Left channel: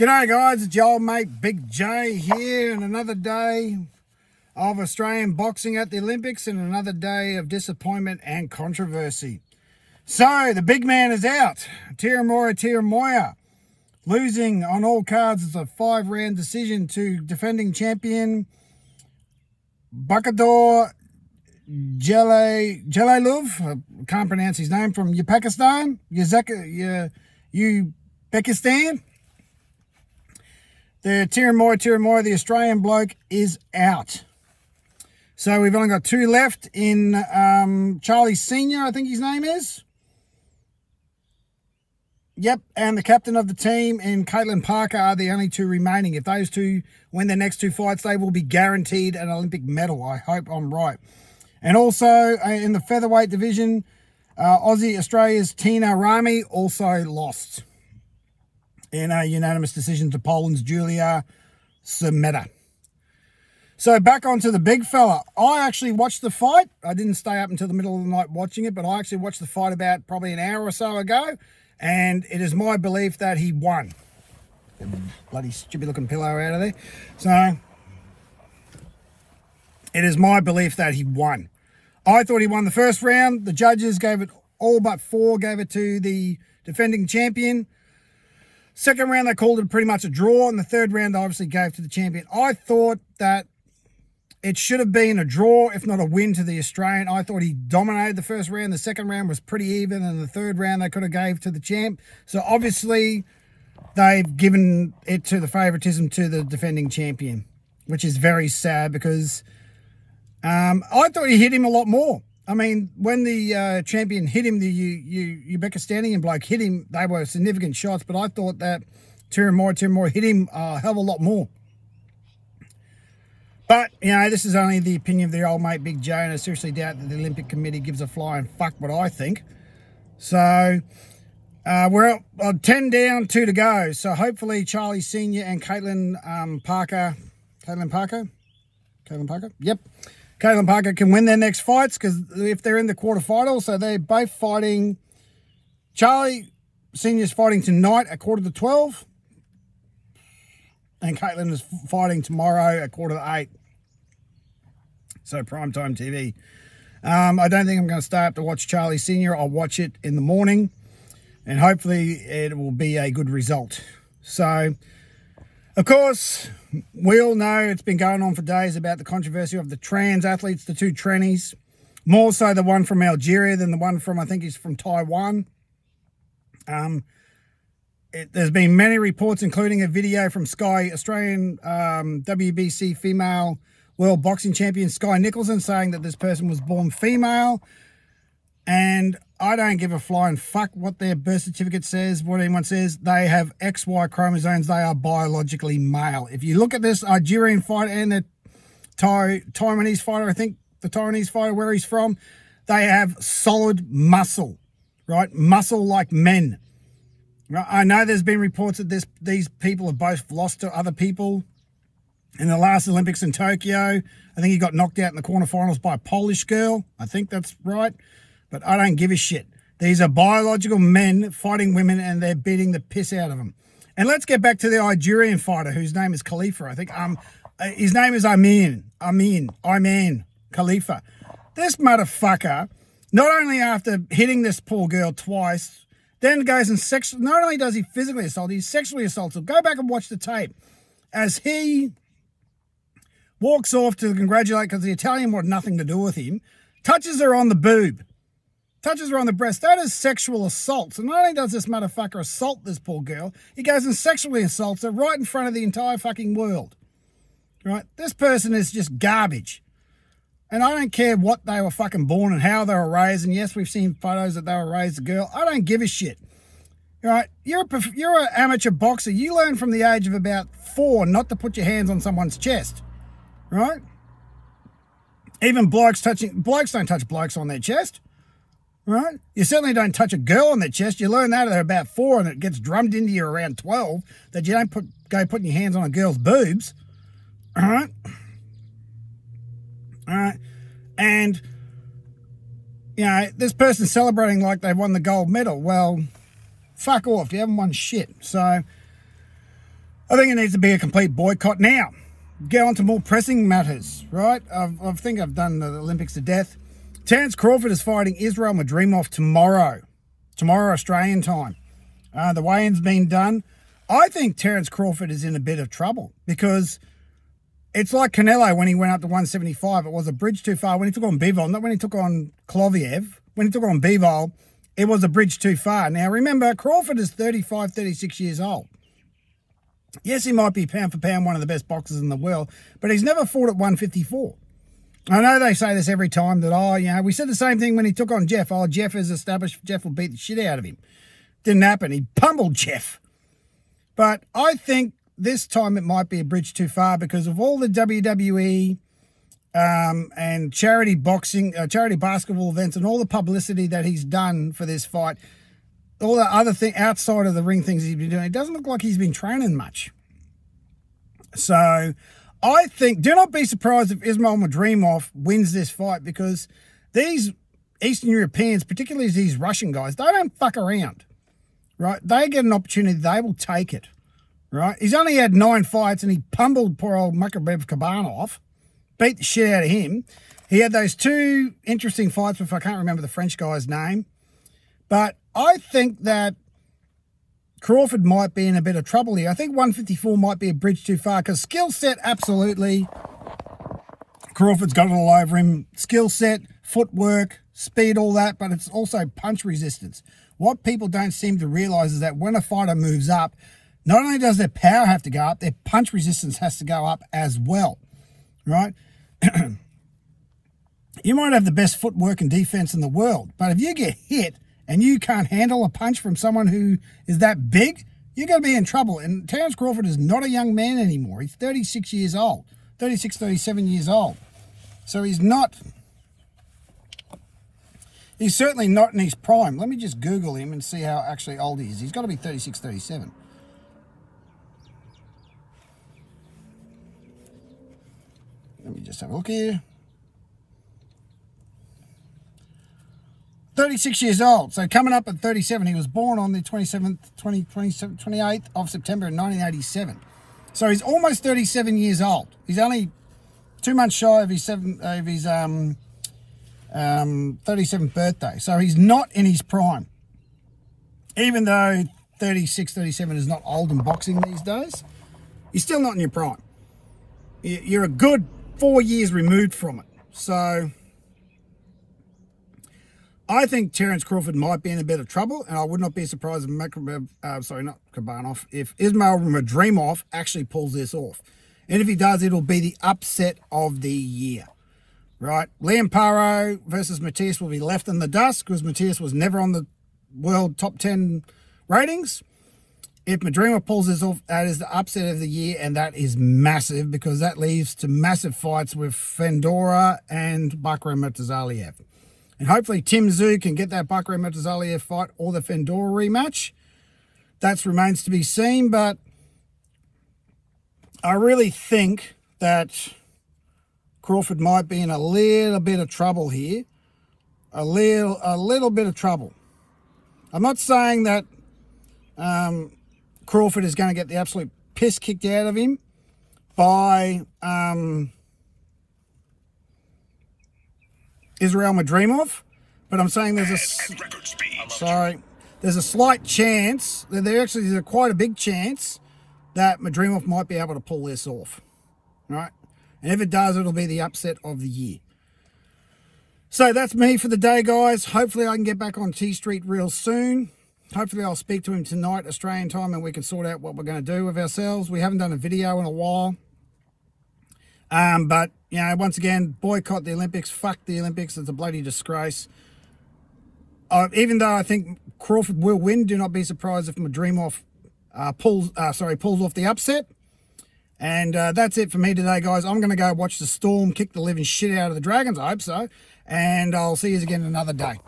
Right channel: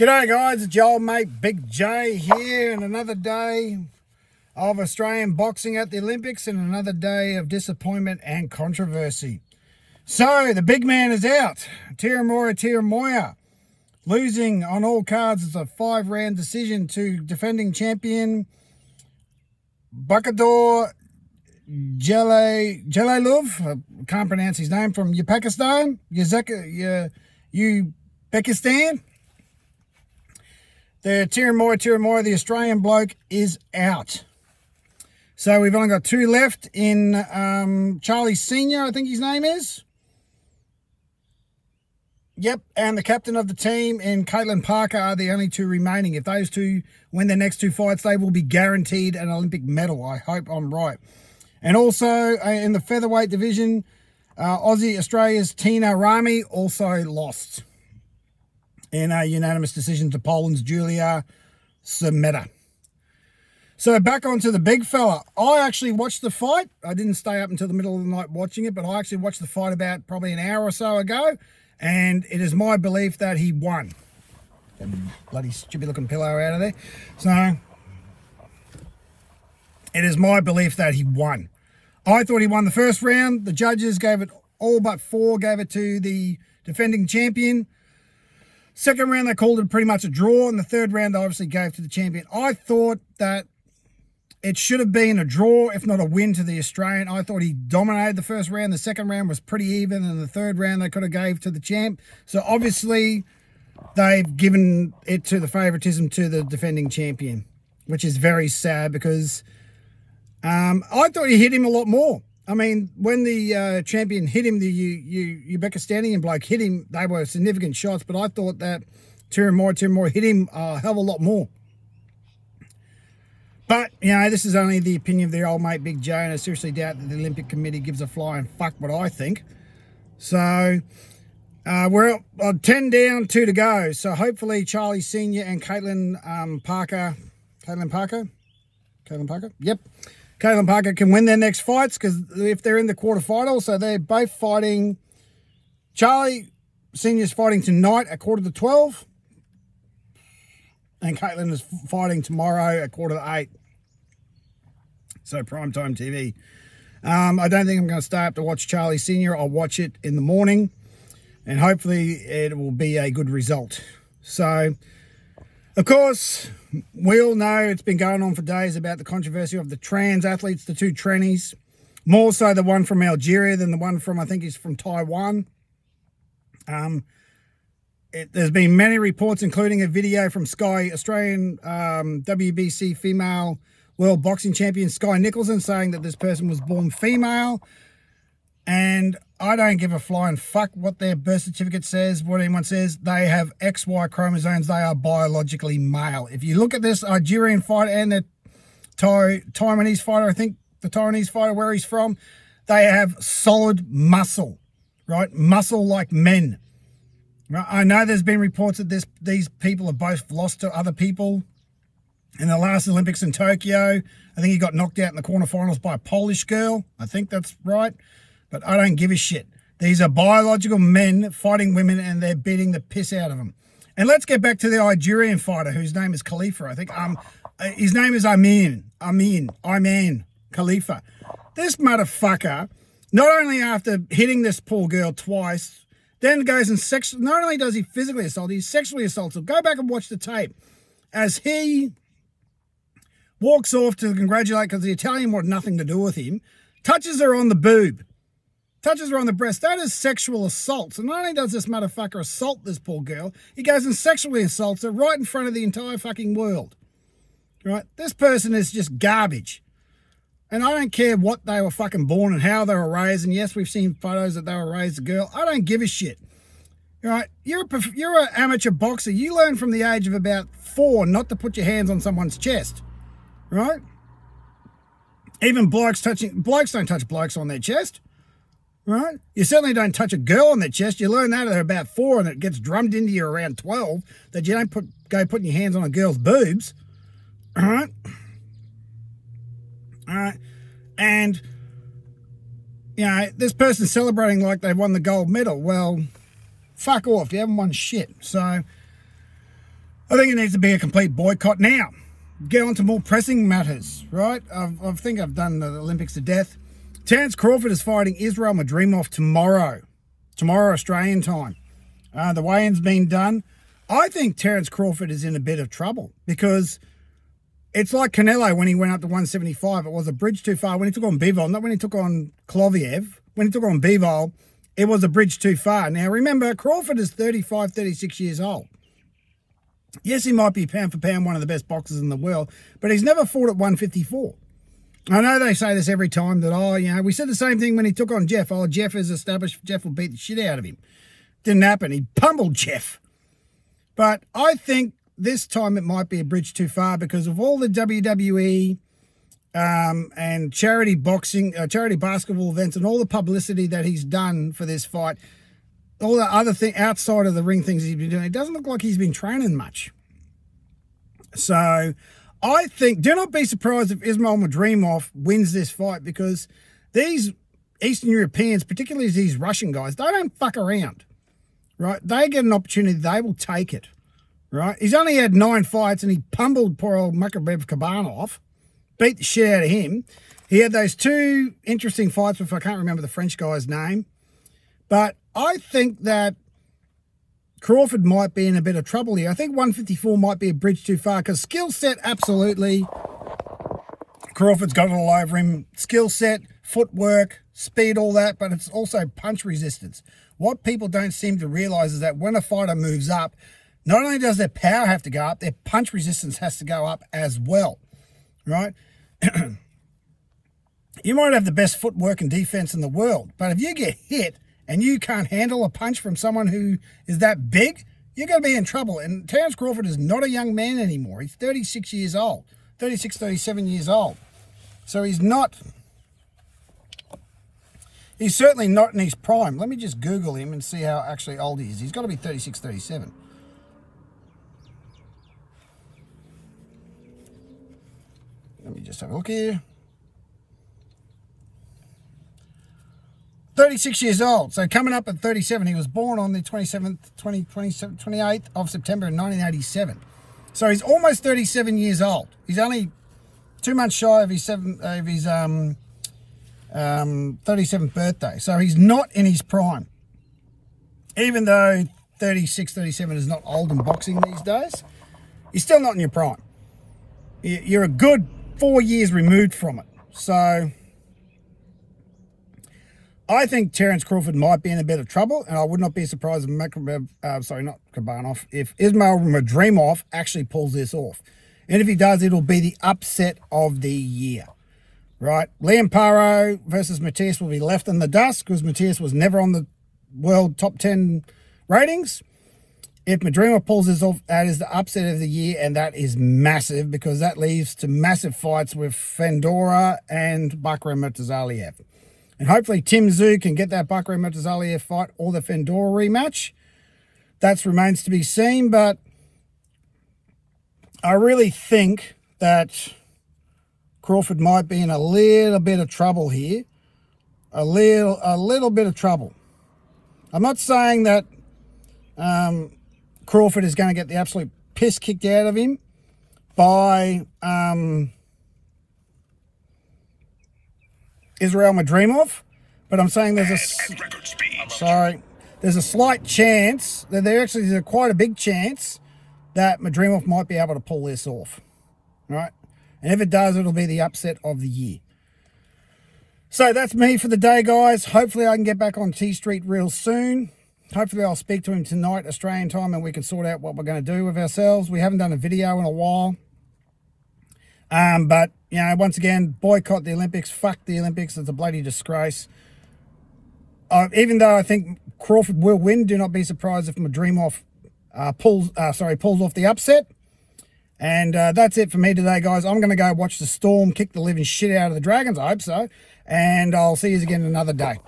G'day guys, it's your old mate Big J here, and another day of Australian boxing at the Olympics and another day of disappointment and controversy. So, the big man is out. Teremoana, losing on all cards as a 5-round decision to defending champion Bakador Jalalov. I can't pronounce his name, from Uzbekistan. The Teremoana, the Australian bloke, is out. So we've only got 2 left in Charlie Senior, I think his name is. Yep, and the captain of the team and Caitlin Parker are the only 2 remaining. If those 2 win their next 2 fights, they will be guaranteed an Olympic medal. I hope I'm right. And also in the featherweight division, Aussie Australia's Tina Rami also lost in a unanimous decision to Poland's Julia Semeta. So back onto the big fella. I actually watched the fight. I didn't stay up until the middle of the night watching it, but I actually watched the fight about probably an hour or so ago, and it is my belief that he won. Get the bloody stupid looking pillow out of there. So it is my belief that he won. I thought he won the first round. The judges gave it, all but 4 gave it to the defending champion. Second round, they called it pretty much a draw, and the third round, they obviously gave to the champion. I thought that it should have been a draw, if not a win, to the Australian. I thought he dominated the first round. The second round was pretty even, and the third round, they could have gave to the champ. So, obviously, they've given it to the favouritism to the defending champion, which is very sad because I thought he hit him a lot more. I mean, when the champion hit him, the Uzbekistanian bloke hit him, they were significant shots, but I thought that Teremoana hit him a hell of a lot more. But, you know, this is only the opinion of the old mate Big J, and I seriously doubt that the Olympic Committee gives a flying fuck what I think. So, we're 10 down, 2 to go. So, hopefully, Charlie Senior and Caitlin Parker? Yep. Caitlin Parker can win their next fights, because if they're in the quarterfinals, so they're both fighting. Charlie Senior's fighting tonight at 11:45, and Caitlin is fighting tomorrow at 7:45. So primetime TV. I don't think I'm going to stay up to watch Charlie Senior. I'll watch it in the morning, and hopefully it will be a good result. So, of course, we all know it's been going on for days about the controversy of the trans athletes, the 2 trannies, more so the one from Algeria than the one from, I think he's from Taiwan. There's been many reports, including a video from Sky Australian WBC female world boxing champion Sky Nicholson, saying that this person was born female. And I don't give a flying fuck what their birth certificate says, what anyone says. They have XY chromosomes. They are biologically male. If you look at this Algerian fighter and the Taiwanese fighter, I think the Taiwanese fighter, where he's from, they have solid muscle, right? Muscle like men. Right? I know there's been reports that these people have both lost to other people. In the last Olympics in Tokyo, I think he got knocked out in the quarterfinals by a Polish girl. I think that's right. But I don't give a shit. These are biological men fighting women, and they're beating the piss out of them. And let's get back to the Algerian fighter, whose name is Khalifa. I think his name is Amin Khalifa. This motherfucker, not only after hitting this poor girl twice, then goes and not only does he physically assault, he sexually assaults her. Go back and watch the tape. As he walks off to congratulate, because the Italian wanted nothing to do with him, touches her on the boob. Touches her on the breast. That is sexual assault. So not only does this motherfucker assault this poor girl, he goes and sexually assaults her right in front of the entire fucking world. Right? This person is just garbage. And I don't care what they were fucking born and how they were raised. And yes, we've seen photos that they were raised a girl. I don't give a shit. Right? You're an amateur boxer. You learn from the age of about 4 not to put your hands on someone's chest. Right? Even blokes don't touch blokes on their chest. Right? You certainly don't touch a girl on their chest. You learn that at about 4, and it gets drummed into you around 12, that you don't go putting your hands on a girl's boobs. All right? All right? And, you know, this person's celebrating like they won the gold medal. Well, fuck off. You haven't won shit. So, I think it needs to be a complete boycott. Now, get on to more pressing matters, right? I think I've done the Olympics to death. Terence Crawford is fighting Israel Madrimov tomorrow Australian time. The weigh-in's been done. I think Terence Crawford is in a bit of trouble because it's like Canelo when he went up to 175. It was a bridge too far when he took on Bivol, not when he took on Kloviev. When he took on Bivol, it was a bridge too far. Now, remember, Crawford is 35, 36 years old. Yes, he might be pound for pound one of the best boxers in the world, but he's never fought at 154. I know they say this every time that, we said the same thing when he took on Jeff. Oh, Jeff is established. Jeff will beat the shit out of him. Didn't happen. He pummeled Jeff. But I think this time it might be a bridge too far because of all the WWE and charity boxing, charity basketball events and all the publicity that he's done for this fight, all the other thing outside of the ring things he's been doing. It doesn't look like he's been training much. So I think, do not be surprised if Ismail Madrimov wins this fight because these Eastern Europeans, particularly these Russian guys, they don't fuck around, right? They get an opportunity, they will take it, right? He's only had 9 fights and he pummeled poor old Makabev Kabanov, beat the shit out of him. He had those 2 interesting fights with, I can't remember the French guy's name, but I think that Crawford might be in a bit of trouble here. I think 154 might be a bridge too far because skill set, absolutely. Crawford's got it all over him. Skill set, footwork, speed, all that, but it's also punch resistance. What people don't seem to realise is that when a fighter moves up, not only does their power have to go up, their punch resistance has to go up as well, right? You might have the best footwork and defence in the world, but if you get hit and you can't handle a punch from someone who is that big, you're going to be in trouble. And Terence Crawford is not a young man anymore. He's 36 years old, 36, 37 years old. So he's certainly not in his prime. Let me just Google him and see how actually old he is. He's got to be 36, 37. Let me just have a look here. 36 years old, so coming up at 37. He was born on the 28th of September in 1987. So he's almost 37 years old. He's only 2 months shy of his 37th birthday. So he's not in his prime. Even though 36, 37 is not old in boxing these days, you're still not in your prime. You're a good 4 years removed from it. So I think Terence Crawford might be in a bit of trouble, and I would not be surprised if if Ismail Madrimov actually pulls this off. And if he does, it'll be the upset of the year, right? Liam Paro versus Matthias will be left in the dust because Matthias was never on the world top 10 ratings. If Madrimov pulls this off, that is the upset of the year, and that is massive because that leads to massive fights with Fedorov and Bakram Murtazaliev. And hopefully Tim Tszyu can get that Bakram Murtazaliev fight or the Fedorov rematch. That remains to be seen, but I really think that Crawford might be in a little bit of trouble here. A little bit of trouble. I'm not saying that Crawford is going to get the absolute piss kicked out of him by Israel Madrimov, but I'm saying there's a slight chance that there's quite a big chance that Madrimov might be able to pull this off, right? And if it does, it'll be the upset of the year. So that's me for the day, guys. Hopefully I can get back on T Street real soon. Hopefully I'll speak to him tonight, Australian time, and we can sort out what we're going to do with ourselves. We haven't done a video in a while. But, once again, boycott the Olympics. Fuck the Olympics. It's a bloody disgrace. Even though I think Crawford will win, do not be surprised if Madrimov pulls off the upset. And that's it for me today, guys. I'm going to go watch the Storm kick the living shit out of the Dragons. I hope so. And I'll see you again another day.